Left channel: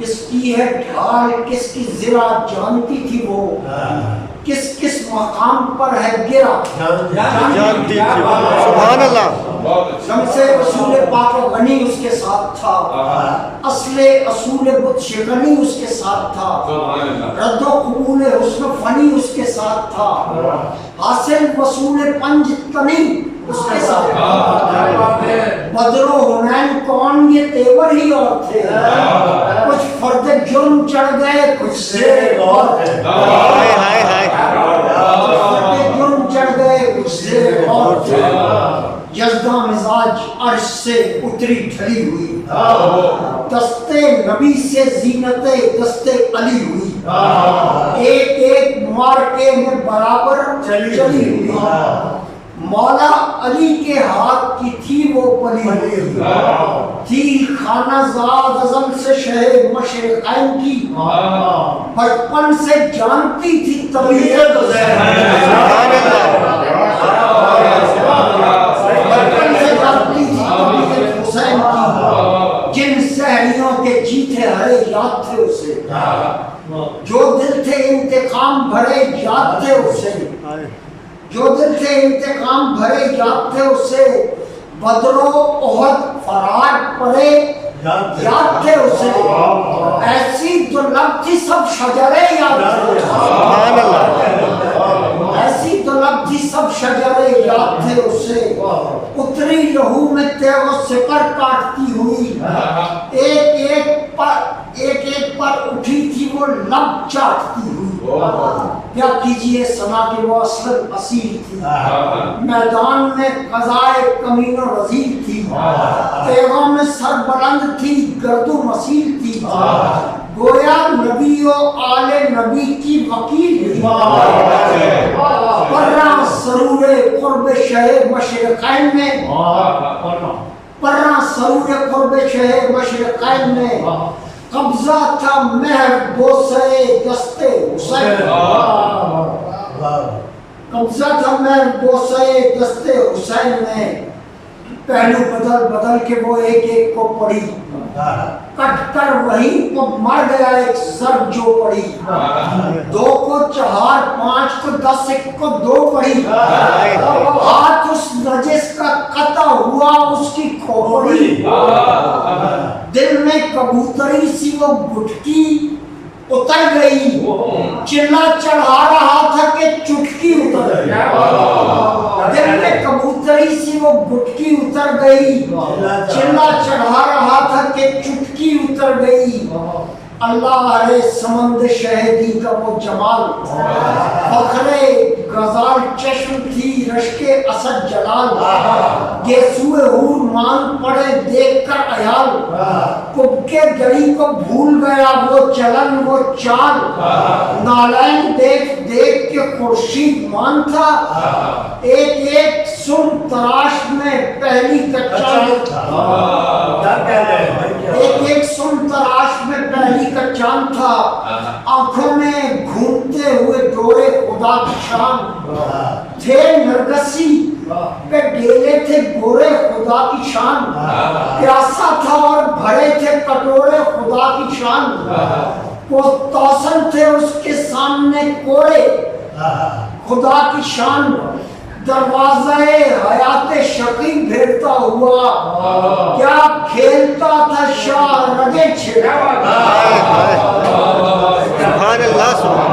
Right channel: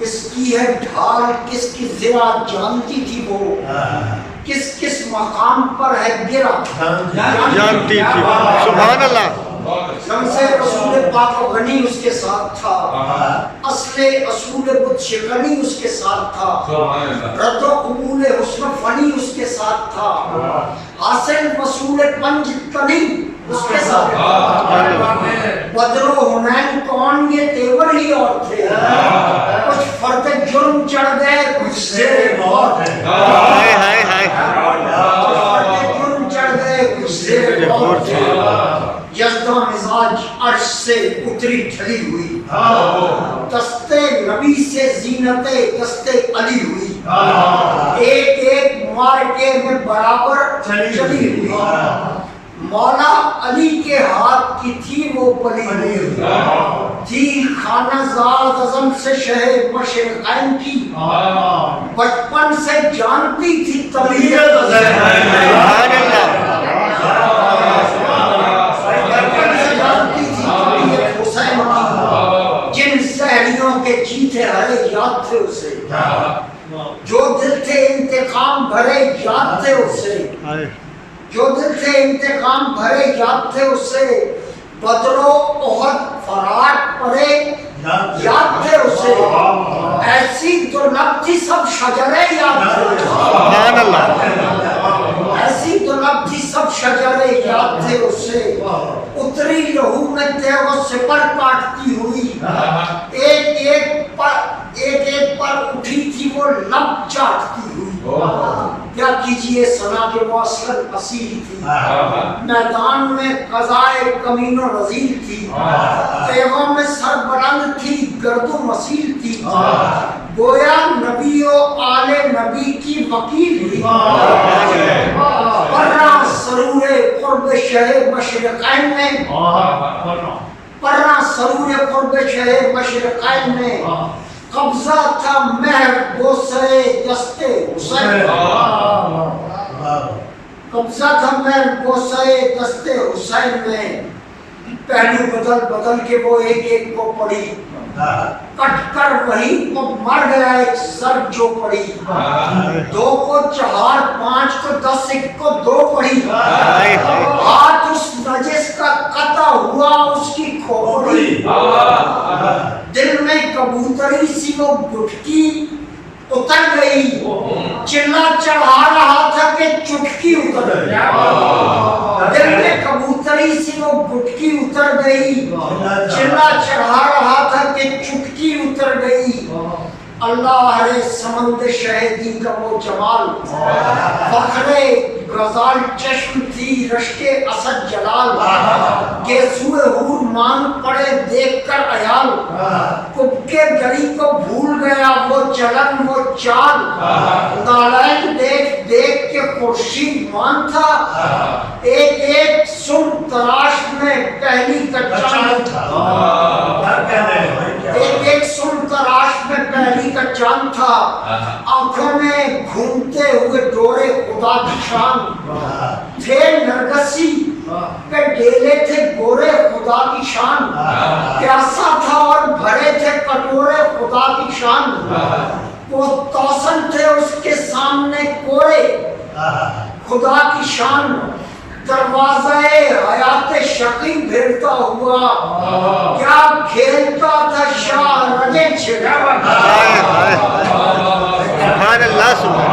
اس کی ہے ڈھال کس کی زرا جانتی تھی وہ، کس کس مقام پر ہے گرا جانتی تھی. سبحان اللہ. شمس رسول پاک غنی اس کے ساتھ تھا، اصل اصول بت شکنی اس کے ساتھ تھا، رد و قبول حسن فنی اس کے ساتھ تھا، حاصل وصول پنج تنی اس کے ساتھ تھا. بدر و حنین کون یہ تیور ہی اور تھے، کچھ فرد جرم چڑھ گئے کچھ سے اور تھے، ہائے ہائے ہائے. فرد جرم چڑھ گئے کچھ سے اور تھے. یزداں مزاج عرش سے اتری ڈھلی ہوئی، دستے نبی سے زینت دستے علی ہوئی، ایک ایک مارکے میں برابر چلی ہوئی. مولا علی کے ہاتھ کی تھی وہ پلی ہوئی، تھی خانہ زاد اعظم سے شہ مشرقین کی، بچپن سے جانتی تھی طبیعت سبحان اللہ. کے جیتے ہرے یاد تھے اسے، جو دل تھے انتقام بھرے یاد تھے اسے، جو دل تھے انتقام بھرے یاد تھے اسے، بدر و احد فرات پڑے یاد تھے اسے، ایسی تو لب تھی سب شجرے یاد تھے، سبحان اللہ. ایسی تو لب تھی سب شجرے یاد تھے اسے، اتری لہو میں تیغ و سپر کاٹتی ہوئی، ایک ایک پر اٹھی تھی وہ لب چاٹتی ہوئی. کیا کیجئے سنا کہ وہ اصل اصیل تھی، میدان میں قضائے کمین و رزیل تھی، تیغوں میں سر بلند تھی گرد و مسیل تھی، گویا نبی و آل نبی کی وکیل تھی. پرہ سرور قرب شہ مشرقین میں، پرہ سرور قرب شہ مشرقین میں، قبضہ تھا مہر بوسے دستے حسین، قبضہ تھا مہر بوسے دستے حسین میں، پہلو بدل بدل کے وہ ایک ایک کو پڑی، کٹ کر وہیں کو مر گیا ایک سر جو پڑی، دو کو چہار پانچ کو دس ایک کو دو پڑی، ہاتھ اس نجس کا قطع ہوا اس کی کھوپڑی، دل میں کبوتری سی وہ گٹکی اتر گئی، چلا چڑھا رہا تھا کہ چٹکی اتر گئی، دل میں کبوتری سی وہ گٹکی اتر گئی، چلا چڑھا رہا تھا کہ چٹکی اتر گئی. اللہ رے سمند شہدی کا وہ جمال، فخر غزال چشم تھی رشک اسد جلال، گیسوئے حور مانگ پڑے دیکھ کر عیال، کب کے گڑی کو بھول گیا وہ چلن وہ چال، نالین دیکھ دیکھ کے خورشید مان تھا، ایک ایک سن تراش میں پہلی کا چاند تھا، ایک ایک سن تراش میں پہلی کا چاند تھا، آنکھوں میں گھومتے ہوئے ڈورے خدا کی شان، تھے نرگسی پہ ڈیلے تھے گورے خدا کی شان، پیاسا تھا اور بھرے تھے کٹورے خدا کی شان، وہ توسن تھے اس کے سامنے کوڑے خدا کی شان، دروازہ حیات شقی بھیڑتا ہوا، کیا کھیلتا تھا شاہ رگے چھڑا. سبحان اللہ.